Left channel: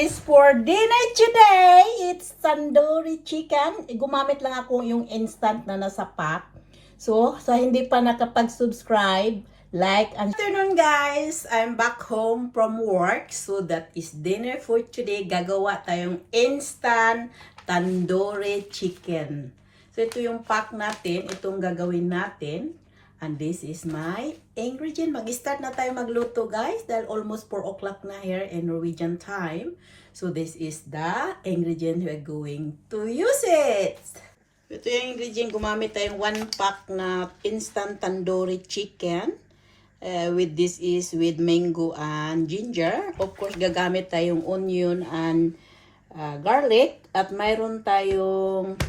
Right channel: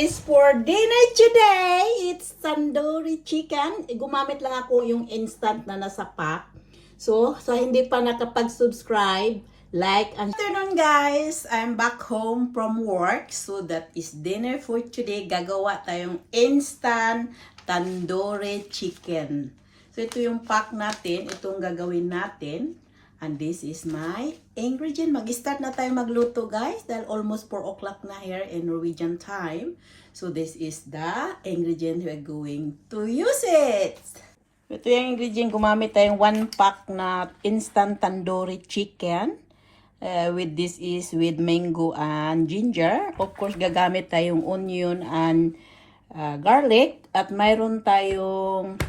is for dinner today. It's tandoori chicken. Gumamit lang ako yung instant na nasa pack. So, sa hindi pa nakapag-subscribe, like and afternoon guys. I'm back home from work. So, that is dinner for today. Gagawa tayong instant tandoori chicken. So, ito yung pack natin. Itong gagawin natin. And this is my ingredient. Mag-start na tayo magluto guys dahil almost 4 o'clock na here in Norwegian time. So this is the ingredient we're going to use it. Ito yung ingredient. Gumamit tayong 1 pack na instant tandoori chicken. With this is with mango and ginger. Of course, gagamit tayong onion and garlic. At mayroon tayong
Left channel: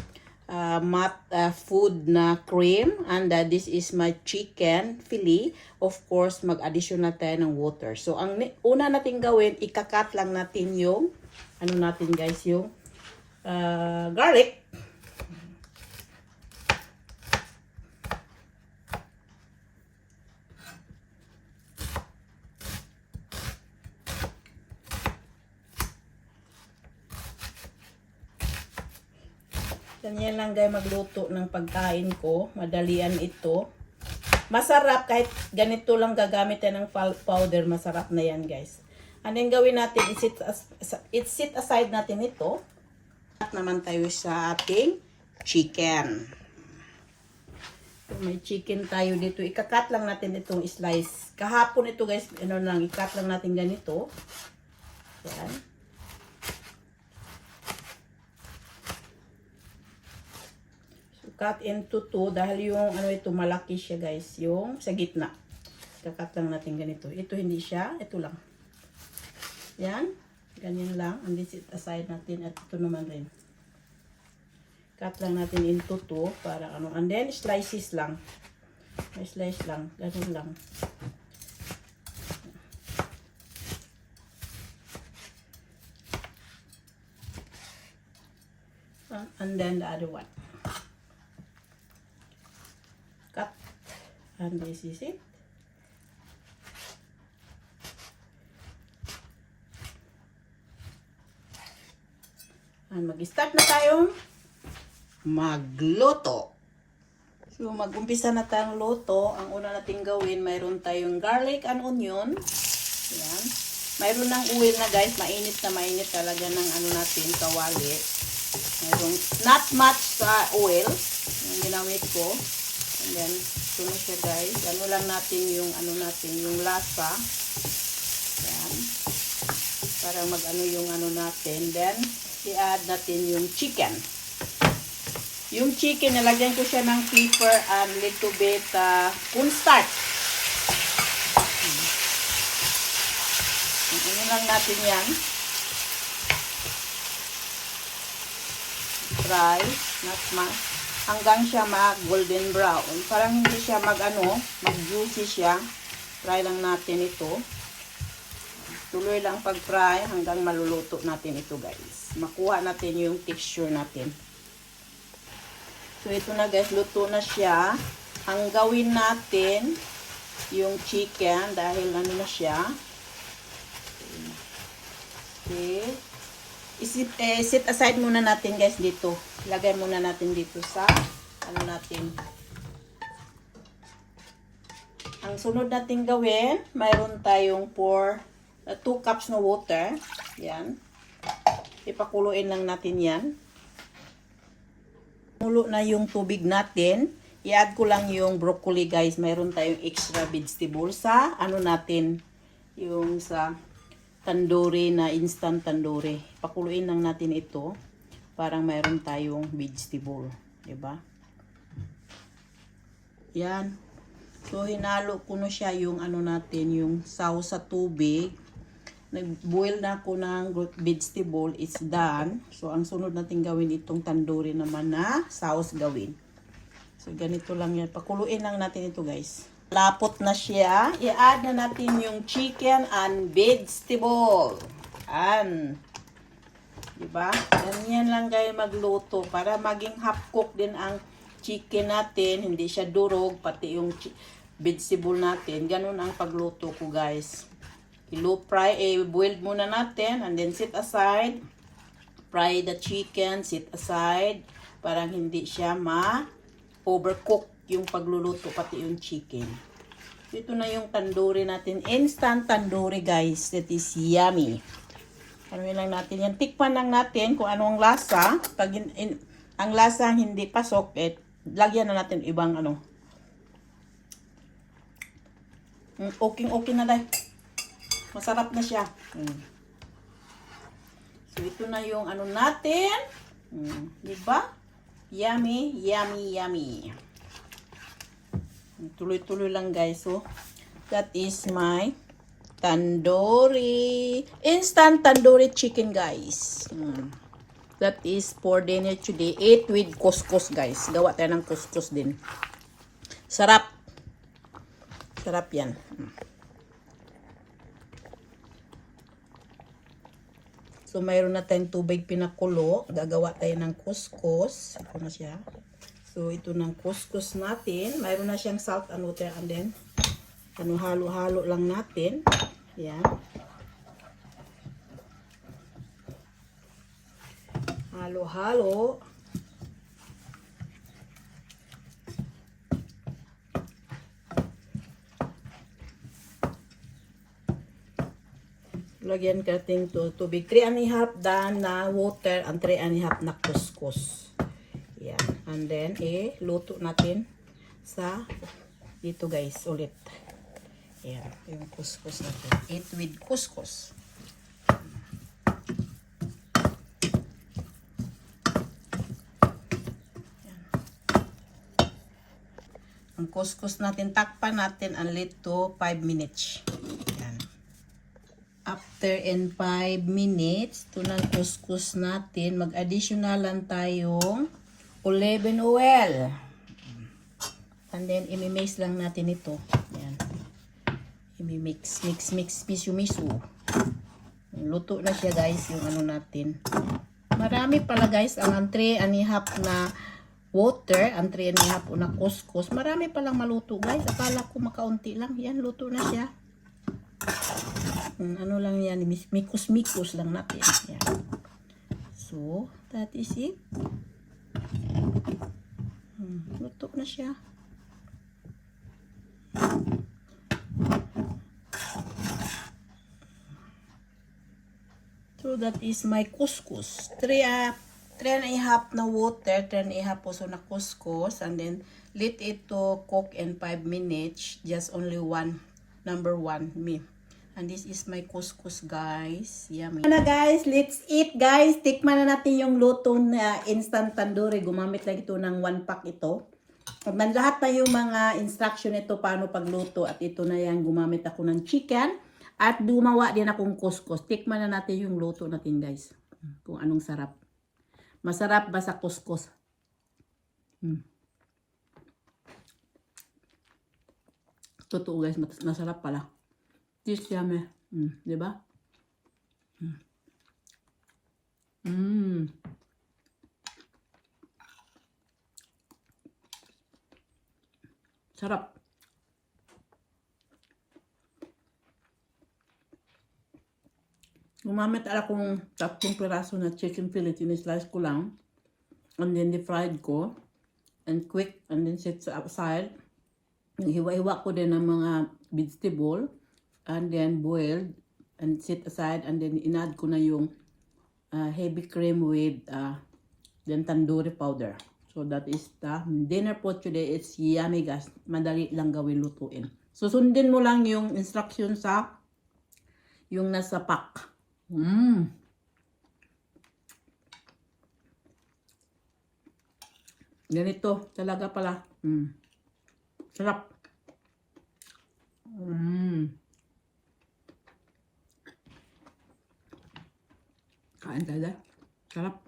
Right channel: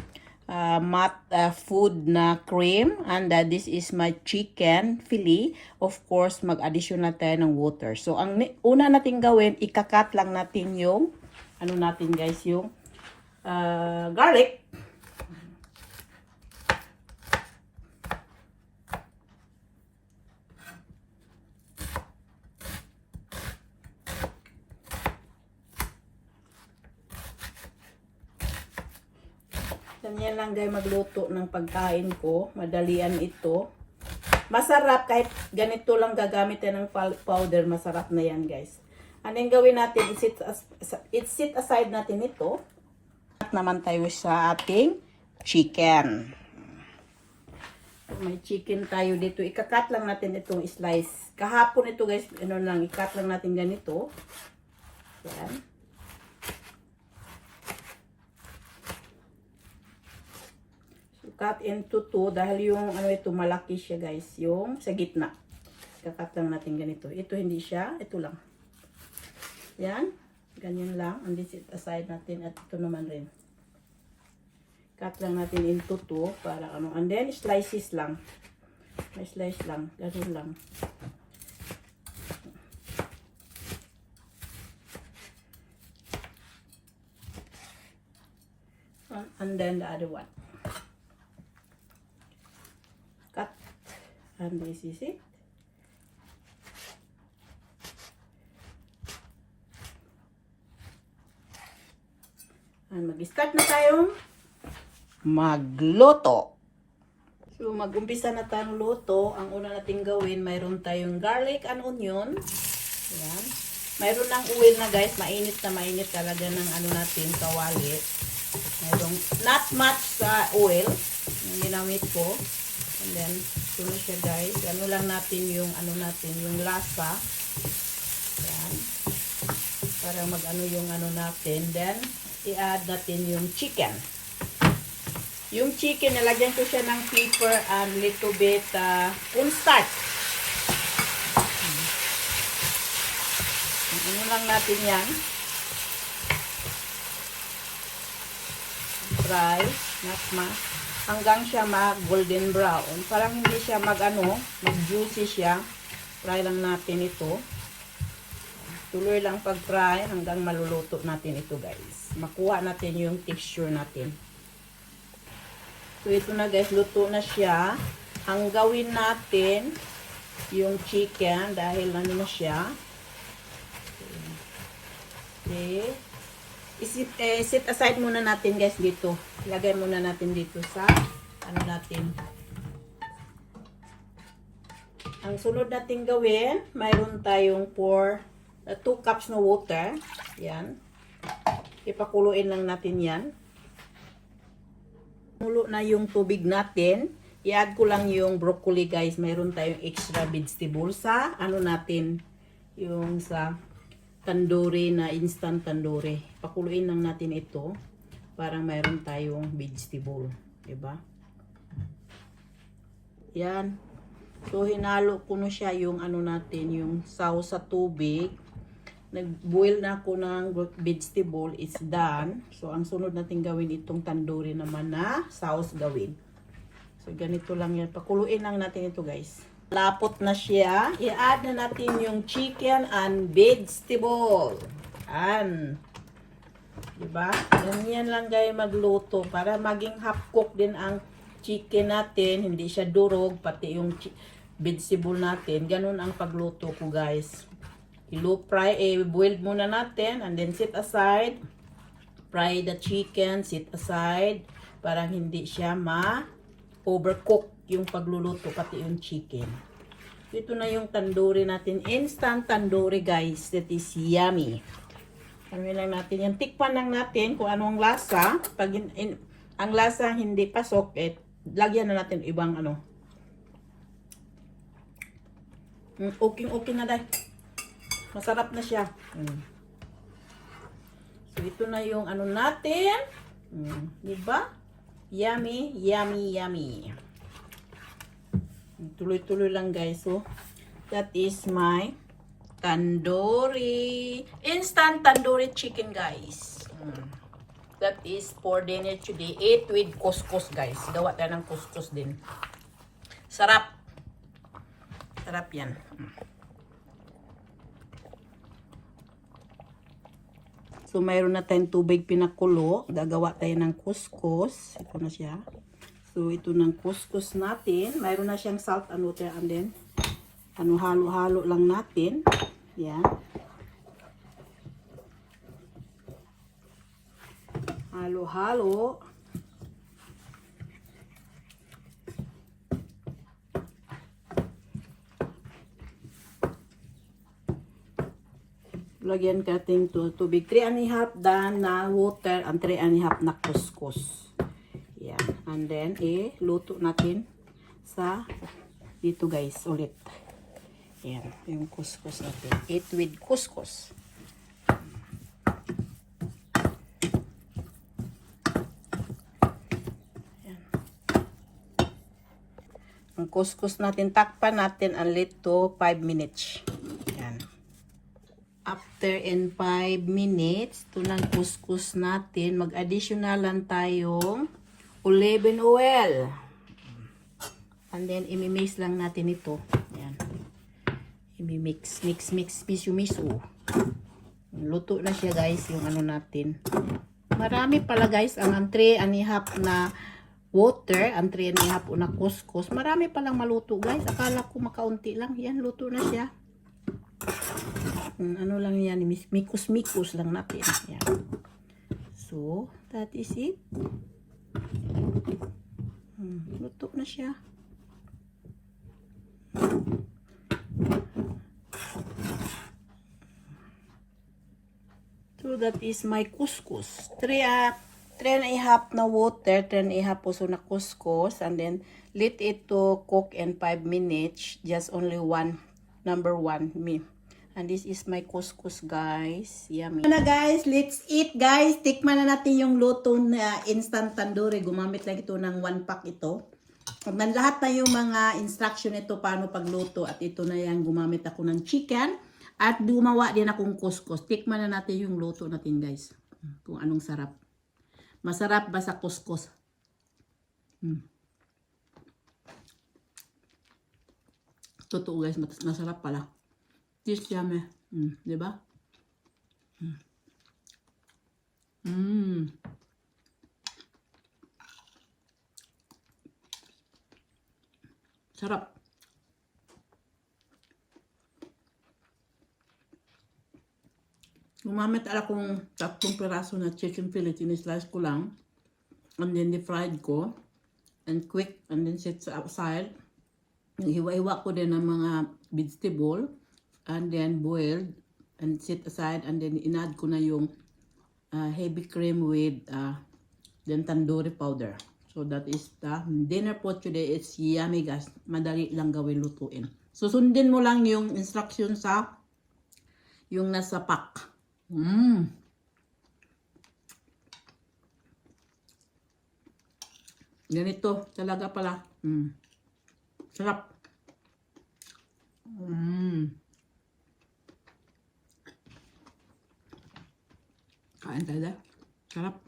food na cream, and this is my chicken fillet. Of course, mag-addition na tayo ng water. So, ang una natin gawin, ikakat lang natin yung ano natin guys, yung garlic. Ganyan lang guys magluto ng pagkain ko. Madalian ito. Masarap kahit ganito lang gagamit ng powder. Masarap na yan guys. Ano yung gawin natin? Set aside natin ito. At naman tayo sa ating chicken. May chicken tayo dito. Ikakat lang natin itong slice. Kahapon ito guys. Ano lang. Ikat lang natin ganito. Yan. Cut into 2 dahil yung ano ito malaki siya guys, yung sa gitna. Kakat lang natin ganito. Ito hindi siya, ito lang. Yan, ganyan lang. And this it aside natin at ito naman rin. Cut lang natin into 2 para ano. And then slices lang. May slice lang, ganun lang. And then the other one. And this is it. And mag-start na tayong magluto. So mag-umpisa na tayong luto. Ang una nating gawin, mayroon tayong garlic and onion. Yan. Mayroon ng oil na guys, mainit talaga ng ano natin, kawali. Mayroon not much oil. Ang ginamit ko. And then, ito na siya guys. Ano lang natin yung, yung lasa. Yan. Para mag-ano yung ano natin. Then, i-add natin yung chicken. Yung chicken, nalagyan ko siya ng pepper and little bit cornstarch. Ano lang natin yan. Dry. Hanggang siya mag-golden brown. Parang hindi siya mag-juicy siya. Fry lang natin ito. Tuloy lang pag-fry hanggang maluluto natin ito guys. Makuha natin yung texture natin. So ito na guys, luto na siya. Ang gawin natin yung chicken dahil ano na siya. Okay. Set aside muna natin guys dito. Lagay muna natin dito sa ano natin. Ang sunod natin gawin, mayroon tayong 2 cups na water. Yan. Ipakuluin lang natin yan. Mulo na yung tubig natin. I-add ko lang yung broccoli guys. Mayroon tayong extra vegetable sa ano natin. Yung sa tandoori na instant tandoori. Pakuluin lang natin ito. Parang mayroon tayong vegetable. Diba? Yan. So, hinalo ko na siya yung ano natin, yung sauce sa tubig. Nag-boil na ako ng vegetable. It's done. So, ang sunod natin gawin itong tandoori naman na sauce gawin. So, ganito lang yan. Pakuluin lang natin ito guys. Lapot na siya. I-add na natin yung chicken and vegetable. Diba? Ganyan lang kayo magluto para maging half cook din ang chicken natin. Hindi siya durog. Pati yung vegetable natin. Ganun ang pagluto ko guys. boiled muna natin and then set aside. Fry the chicken, set aside. Parang hindi siya ma-overcook yung pagluluto, pati yung chicken. Ito na yung tandoori natin. Instant tandoori, guys. That is yummy. Ano lang natin yan. Tikman lang natin kung anong lasa. Pag ang lasa hindi pasok, lagyan na natin ibang ano. Okay na dahil. Masarap na siya. So, ito na yung ano natin. Diba? Yummy, yummy, yummy. Tuloy-tuloy lang, guys. So, that is my tandoori. Instant tandoori chicken, guys. That is for dinner today. Eat with couscous, guys. Gawa tayo ng couscous din. Sarap. Sarap yan. So, mayroon na tayong tubig pinakulo. Gagawa tayo ng couscous. Ito na siya. So, ito ng couscous natin. Mayroon na siyang salt and water. And then, halo-halo lang natin. Yan. Halo-halo. Lagyan kating tubig. 3½ dan na water and 3½ na couscous. Yan. And then, luto natin sa dito, guys, ulit. Yan. Yung couscous natin. Eat with couscous. Yan. Ang couscous natin, takpan natin ulit to 5 minutes. After 5 minutes, ito ng couscous natin, mag-additional lang tayong olive oil. And then, imimix lang natin ito. Yan. Imimix, mix, miso. Luto na siya, guys, yung ano natin. Marami pala, guys, ang 3½ na water, ang 3½ na couscous. Marami palang maluto, guys. Akala ko makaunti lang. Yan, luto na siya. Ano lang yan, mikos lang natin. Yan. So, that is it. Luto na siya. So, that is my couscous. 3½ na water, 3½ puso na couscous, and then let it to cook in 5 minutes. Just only number one. And this is my couscous, guys. Yummy. Na guys, let's eat, guys. Tikman na natin yung luto na instant tandoori. Gumamit lang ito ng 1 pack ito. Lahat na yung mga instruction ito paano pagluto. At ito na yan, gumamit ako ng chicken. At gumawa din akong couscous. Tikman na natin yung luto natin, guys. Kung anong sarap. Masarap ba sa couscous? Totoo, guys. Masarap pala. This yummy. Diba? Sarap. Gumamit akong 3 piraso na chicken fillet. Sinislice ko lang. And then fried ko. And quick. And then set aside. Hiwa-hiwa ko din ng mga vegetable. And then boiled and set aside, and then inad ko na yung heavy cream with then tandoori powder. So that is the dinner for today. It's yummy, guys. Madali lang gawin, lutuin. Susundin mo lang yung instruction sa yung nasa pack. Ganito talaga pala. Sarap. Kain tayo. Sarap.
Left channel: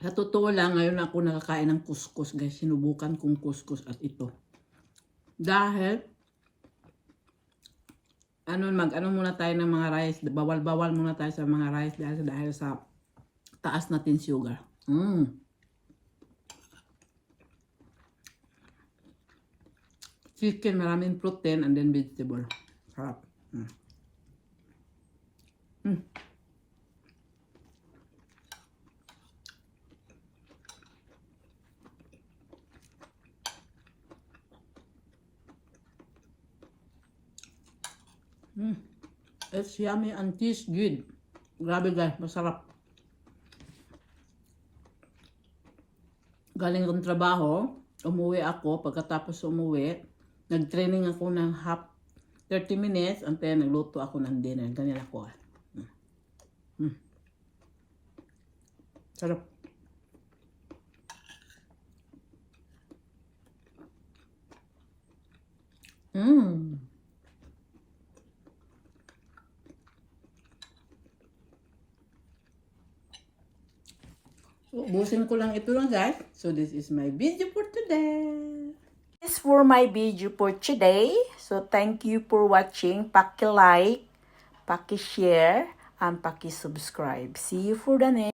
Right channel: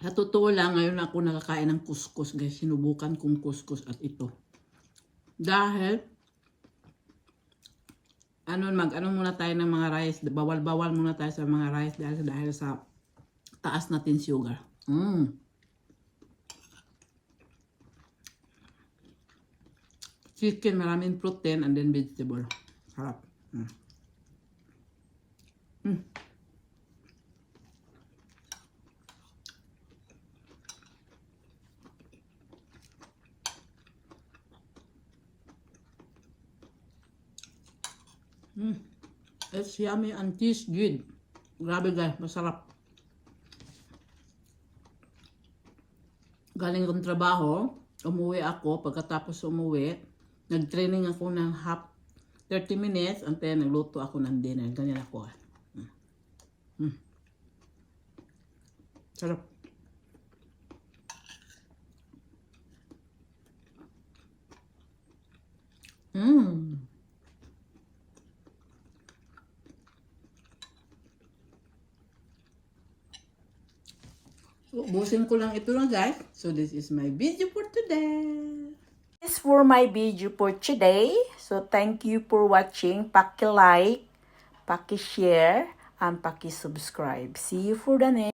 Sa totoo lang, ngayon ako nakakain ng couscous, guys. Sinubukan kong couscous at ito. Dahil, ano muna tayo ng mga rice. Bawal-bawal muna tayo sa mga rice dahil sa taas natin sugar. chicken, maraming protein, and then vegetable. Sarap. It's yummy and tastes good. Grabe guys, masarap. Galing kong trabaho, umuwi ako. Pagkatapos umuwi, nag-training ako ng 30 minutes and then nagluto ako ng dinner. Ganyan ako. Sarap. Ubusin ko lang ito lang guys. So this is my video for today. This is for my video for today. So thank you for watching. Paki-like, paki-share, and paki-subscribe. See you for the next.